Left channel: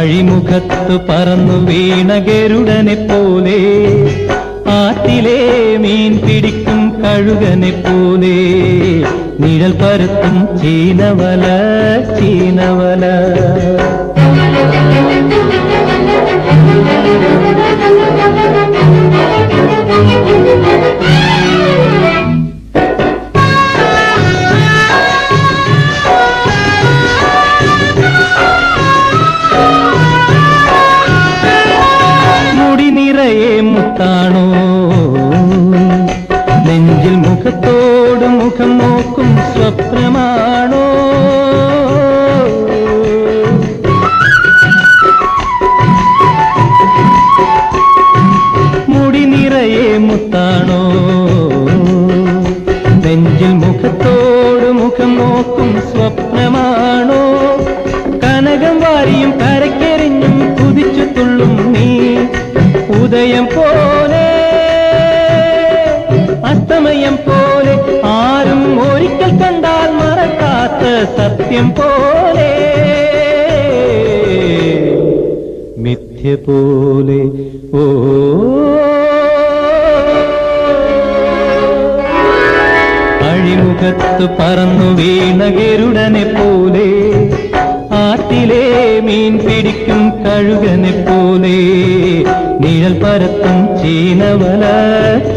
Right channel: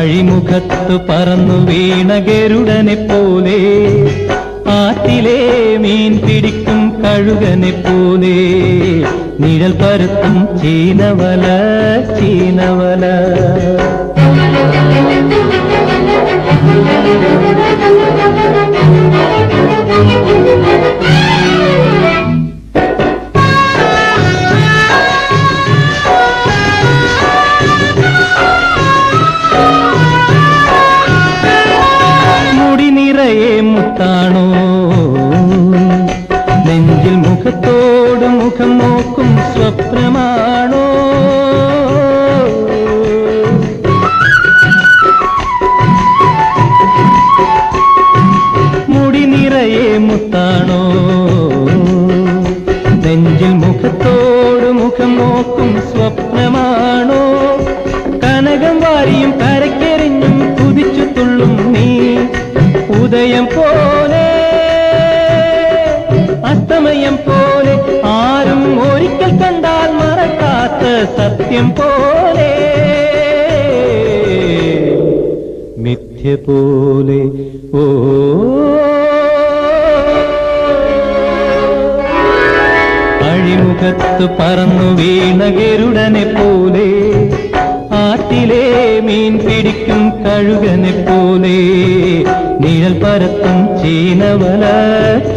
അഴിമുഖത്തു പറന്നു വീണ ഗരുഡനെ പോലെ, ആറ്റിലെ മീൻ പിടിക്കും കഴുകനെ പോലെ, നിഴൽ പരത്തും ചീനവല ചീനവല. നിറയെ മുത്താണോ, നെഞ്ചിൽ മുഖത്തോട് മുഖം നോക്കും സ്വപ്നമാണോ, മുടി നിറയെ മുത്താണോ, നെഞ്ചിൽ മുഖത്തോട് മുഖം നോക്കും സ്വപ്നമാണോ, കനകം വാരിയും കരക്കെറിഞ്ഞും കുതിച്ചു തുള്ളും നീ, ഉദയം പോലെ അസ്തമയം പോലെ, ആരും ഒരിക്കൽ കണ്ടാൽ മറക്കാത്ത സത്യം പോലെ, മിഥ്യ പോലെ. ഓ അഴിമുഖത്ത് പറന്നു വീണ ഗരുഡനെ പോലെ, ആറ്റിലെ മീൻ പിടിക്കും കഴുകനെ പോലെ, നിഴൽ പരത്തും ചീനവല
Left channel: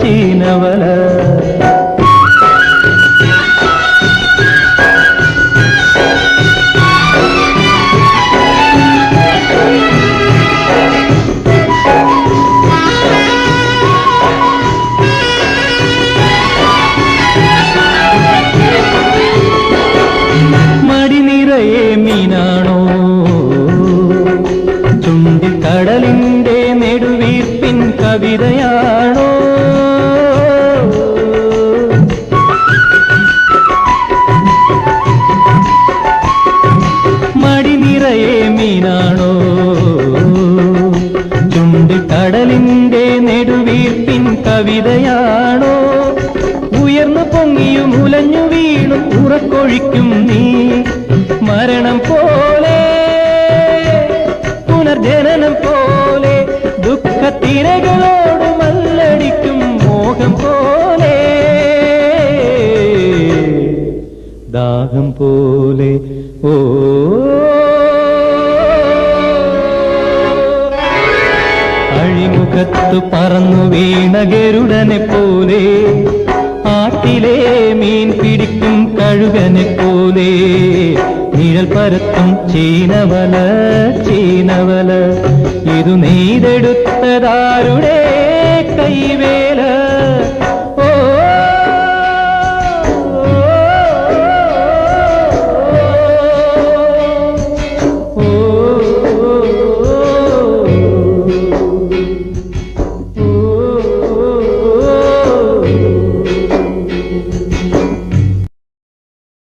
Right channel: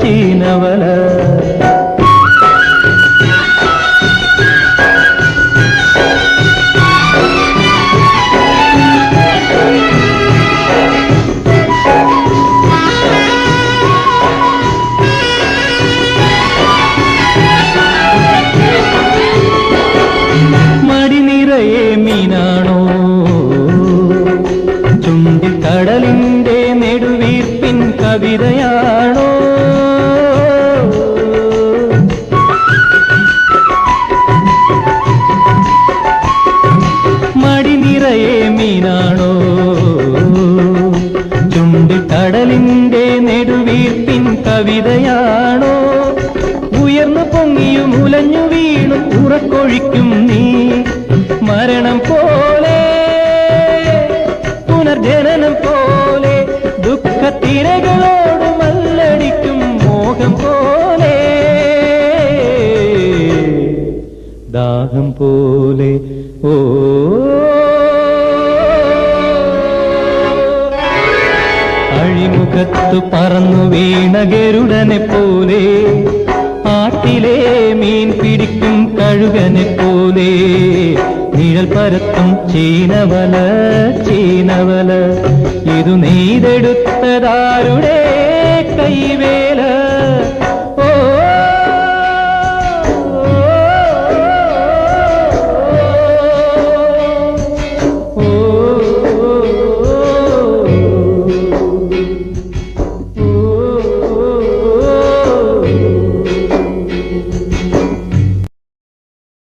ചീനവല. മടി നിറയെ മീനാണോ, ചുണ്ടിൽ കടലിന്റെ നെടുവീർപ്പിൻ കവിതയാണോ, മടി നിറയെ മീനാണോ, ചുണ്ടിൽ കടലിന്റെ നെടുവീർപ്പിൻ കവിതയാണോ, ഉയർന്നു പൊങ്ങിയും ഉലഞ്ഞു വീണും ഉറക്കൊഴിക്കും നീ, മരണം പോലെ പുനർജനനം പോലെ, ദുഃഖത്തിരകളോട് മല്ലടിക്കും മോഹം പോലെ, ദാഹം പോലെ. ഓ അഴിമുഖത്തു പറന്നു വീണ ഗരുഡനെ പോലെ, ആറ്റിലെ മീൻ പിടിക്കും കഴുകനെ പോലെ, നിഴൽ പരത്തും ചീനവല ചീനവല. ഇതു നെയ്തെടുത്തതാരുടെ കൈവേ